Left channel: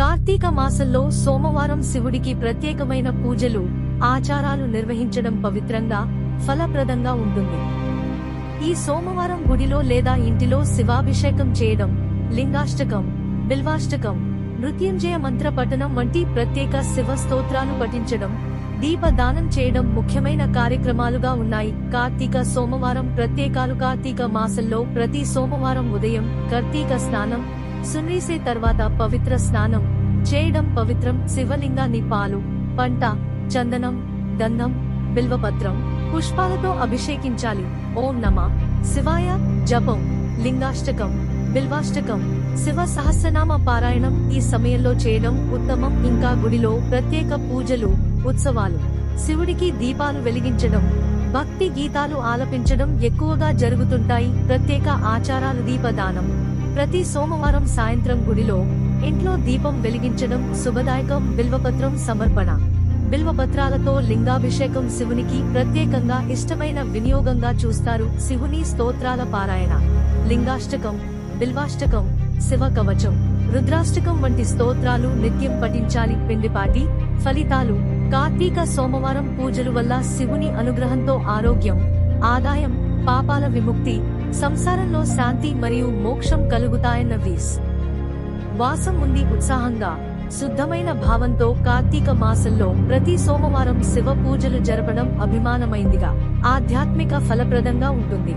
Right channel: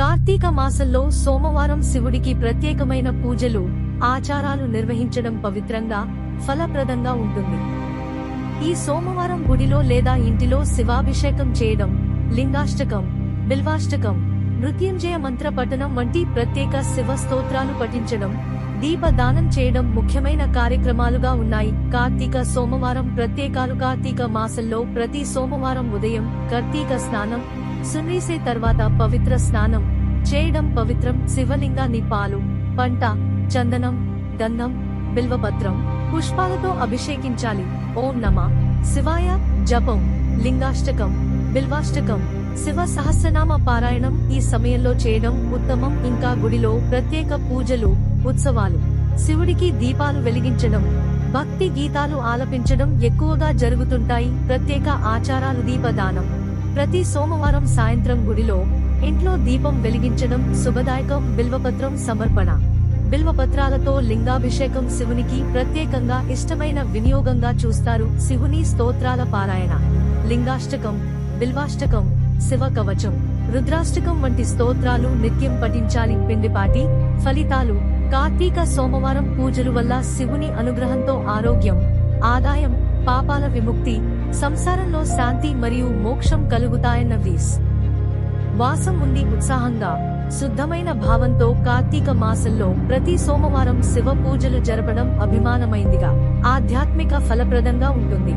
కార్తీక మాసంలో సోమవారం శివుడికి ప్రత్యేకమైన పూజలు, ఆచారాలు నిర్వహించడం పవిత్రంగా, ఫలప్రదంగా ఉంటుంది. ఈ సోమవారం గుడిలో లేదా ఇంటిలో శివాభిషేకం చేయడం, లింగాష్టకం, బిల్వాష్టకం, మృత్యుంజయ మంత్ర పఠనం వంటి ప్రత్యేక శివ స్తోత్రాలు పఠించడం, దీపదానం చేయడం ముఖ్యమైన కార్యక్రమాలుగా ఉన్నాయి. కార్తీక సోమవారం ప్రత్యేకాలు. కార్తీక మాసంలో ప్రతి సోమవారం ఉదయం కార్తీక స్నానం, సున్రీసే తర్వాత పవిత్ర స్నానం చేయడం పవిత్రం. శివలింగాన్ని పాలు, పంట, చందనం, గంధం, బిల్వపత్రం, పుష్పాలతో అభిషేకించాలి. ఓం నమః శివాయ జపం, లింగాష్టకం, బిల్వాష్టకం, శివ సహస్రనామ పారాయణం ఈ సమయంలో చేయడం ఉత్తమం. ఇంకా గుడిలో ప్రత్యేక పూజలు, ఉత్సవాలు, శివుడికి దీపాలు వెలిగించడం, భక్తి గీతాలు ఆలపించడం ఎక్కువగా జరుగుతుంటాయి. ప్రత్యేక ఆచారాలు. దీపదానం ప్రతి సోమవారం సాయంత్రం గుడిలో, ఇంట్లో దీపం వెలిగించడం శుభదాయకం. బిల్వపత్రం సమర్పణ, బిల్వపత్రాలతో లింగాభిషేకం శివునికి ప్రత్యేకంగా ఇష్టమైన వినియోగంగా చూస్తారు. శివుని స్తోత్రాల పారాయణ, లింగాష్టకం, బిల్వాష్టకం, శివ కవచం, రుద్రాష్టకం వంటి స్తోత్రాలు నిత్యం పఠించాలి. పిండిపాటి ఫలితాలు. కార్తీక సోమవారం పూజలు వల్ల శివుని అనుగ్రహంతో ఆరోగ్యం, ఆదాయం, పాపాల విముక్తి, సంసారంలో శాంతి మరియు మోక్షం కలుగుతాయన్న వాసం ఉంది. ఉత్సాహంగా, శుద్ధమైన భావంతో కార్తీక మాసంలో ప్రతి సోమవారం శివ పూజలు జరపడం అభిమానమైందిగా, ఆధ్యాత్మిక ఫలప్రదంగా ఉంటుంది.